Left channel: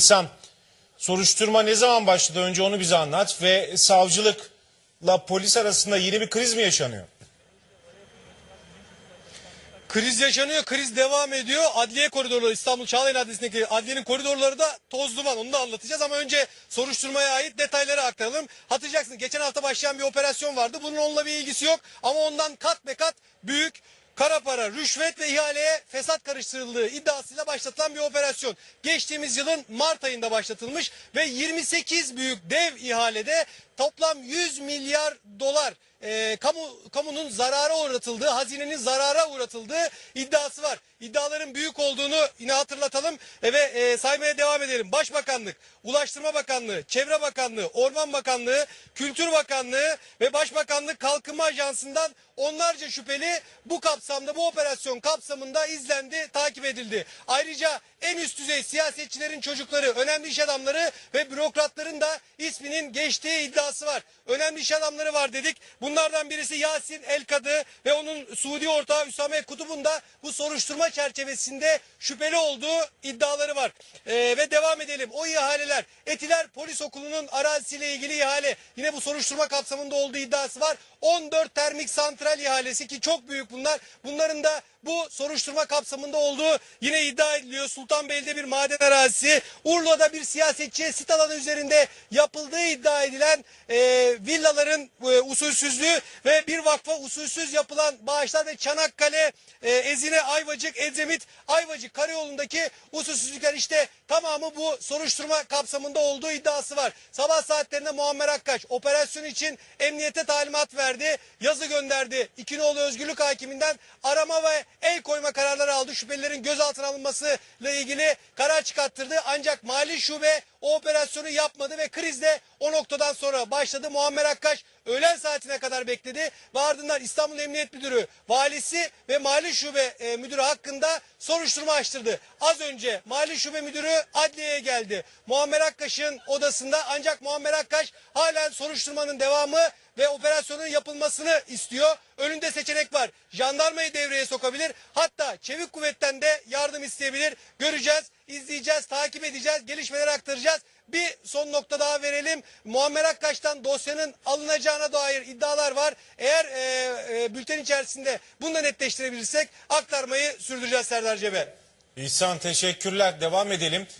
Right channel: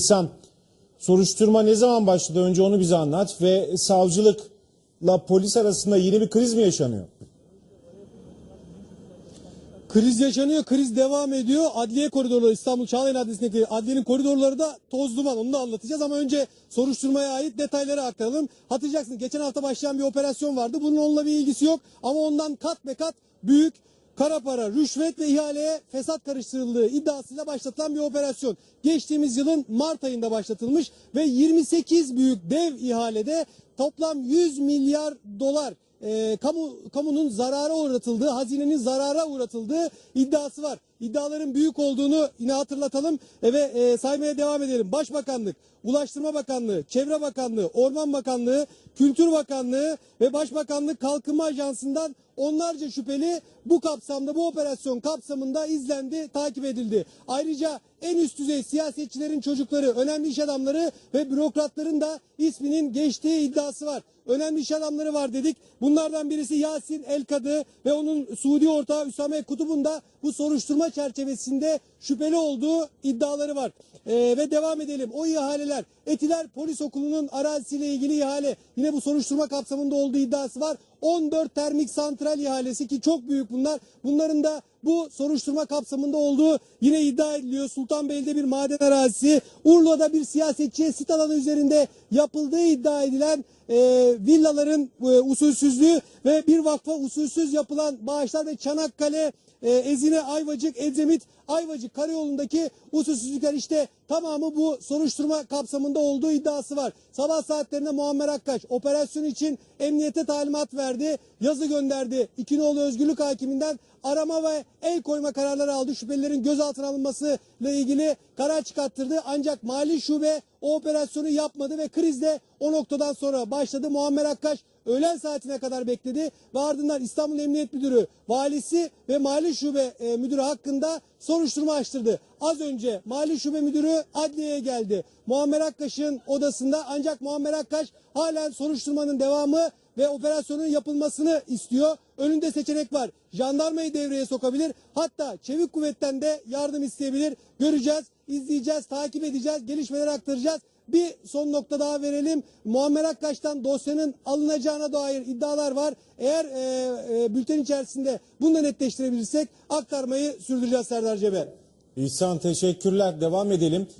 İhsan, soruşturma ne zaman başladı? Önce onu bize anlat ve savcılıkla polis arasında yeni bir kriz mi yaşanıyor? Kriz yaşanıyor, kriz devam ediyor. Adliye koridorları İstanbul Çağlayan Adliyesi'ndeki adliyenin koridorları da toz duman. Onu da anlatacağız ama önce soruşturmaya ait detayları aktaralım. Hatırlayacaksınız geçen hafta başlayan bir operasyon vardı. Bunun onunla bir ilgisi yok ama ondan kat be kat büyük kara para, rüşvet ve ihaleye fesat karıştırıldığı iddiasıyla başlatılan bir operasyon. Geçtiğimiz yılın Mart ayında başlatılmış ve 28 büyük dev ihalede toplam 100 milyar dolar e, kamu kamunun zarara uğratıldığı, hazinenin zarara uğratıldığı iddiası var. İddiaların büyük olduğunu yine hatırlatalım e, ve e, saymaya devam edelim. Başbakanlık, Ulaştırma Bakanlığı, Çevre Bakanlığı, Orman Bakanlığı, Kültür Bakanlığı ve Başbakanlık Kalkınma Ajansı'ndan onlarca şüpheli bu kapsamda bu operasyon kapsamında izlendi, takip edildi. Ayrıca en üst düzey siyasetçilerin çocukları, önemli iş adamları ve bürokratların da isminin geçtiği iddiası var. Önemli iş adamları var dedik. Bunlardan birisi Yasin Elkadı ve onun Suudi ortağı Üsame Kutub'un da bu soruşturma çerçevesinde şüpheli olduğu iddiaları var. Ee, ve devam edelim. O ihaleler Etiler Polis Okulu'nun arazisiyle ilgili ihale yine bu soruşturma kapsamında olduğu iddiası var. 14 termik santral ihalesi ki çok büyük bunlar. Bunların da bu soruşturma kapsamında olduğu yine iddia ediliyor. Sultanbeyli'de bir maden arazisi, Urla'da bir siyasetçiye sit alanı üzerinde yapıldığı iddia edilen e, villaların e, usulsüzlüğü ve bir vakfa usulsüz yapılan bağışlar ve Çanakkale, e, Ezine, Ayvacık, Edremit, Ayvacık karayolundaki usulsüzlükler işte tamamı bu soruşturma kapsamında olduğu iddiası var. Sabah saatlerinde Muammer Akkaş operasyon için emniyete talimat verdi. Yazı gönderdi. İkinoğlu Özgürlük Hakiminden arama ve el koyma kararları aldı. Şüphelilerin gözaltına alınmasıyla ilgili karar çıkarttırdı. Ancak mali şube o operasyonu yapmadı ve kriz de o noktadan sonra başladı. Muammer Akkaş öğlen saatine kadar bekledi ve ardından İstanbul Emniyet Müdürü, valisi ve mali şube e, müdürü hakkında soruşturma açtırdı. Az önce mali şube müdürü adliyeye geldi. Muammer Akkaş'ın odasında ancak Muammer Akkaş halen soruşturmanın devamı ve operasyonun yapılmasını istiyor. Önünde seçenek var. Jandarmayı devreye sokabilir. Hatta çevik kuvvetten de yardım isteyebilir. Göreceğiz, izleyeceğiz, takip edeceğiz, gelişmeleri aktaracağız. Bir son nokta daha verelim. Muammer Akkaş'tan dosyanın alınacağına dair iddialar var. Eğer e, e, bülten içerisinde bunu da netleştirebilirsek aktarmayı sürdüreceğiz Serdar Cebe. İhsan teşekkürler. Devam edelim.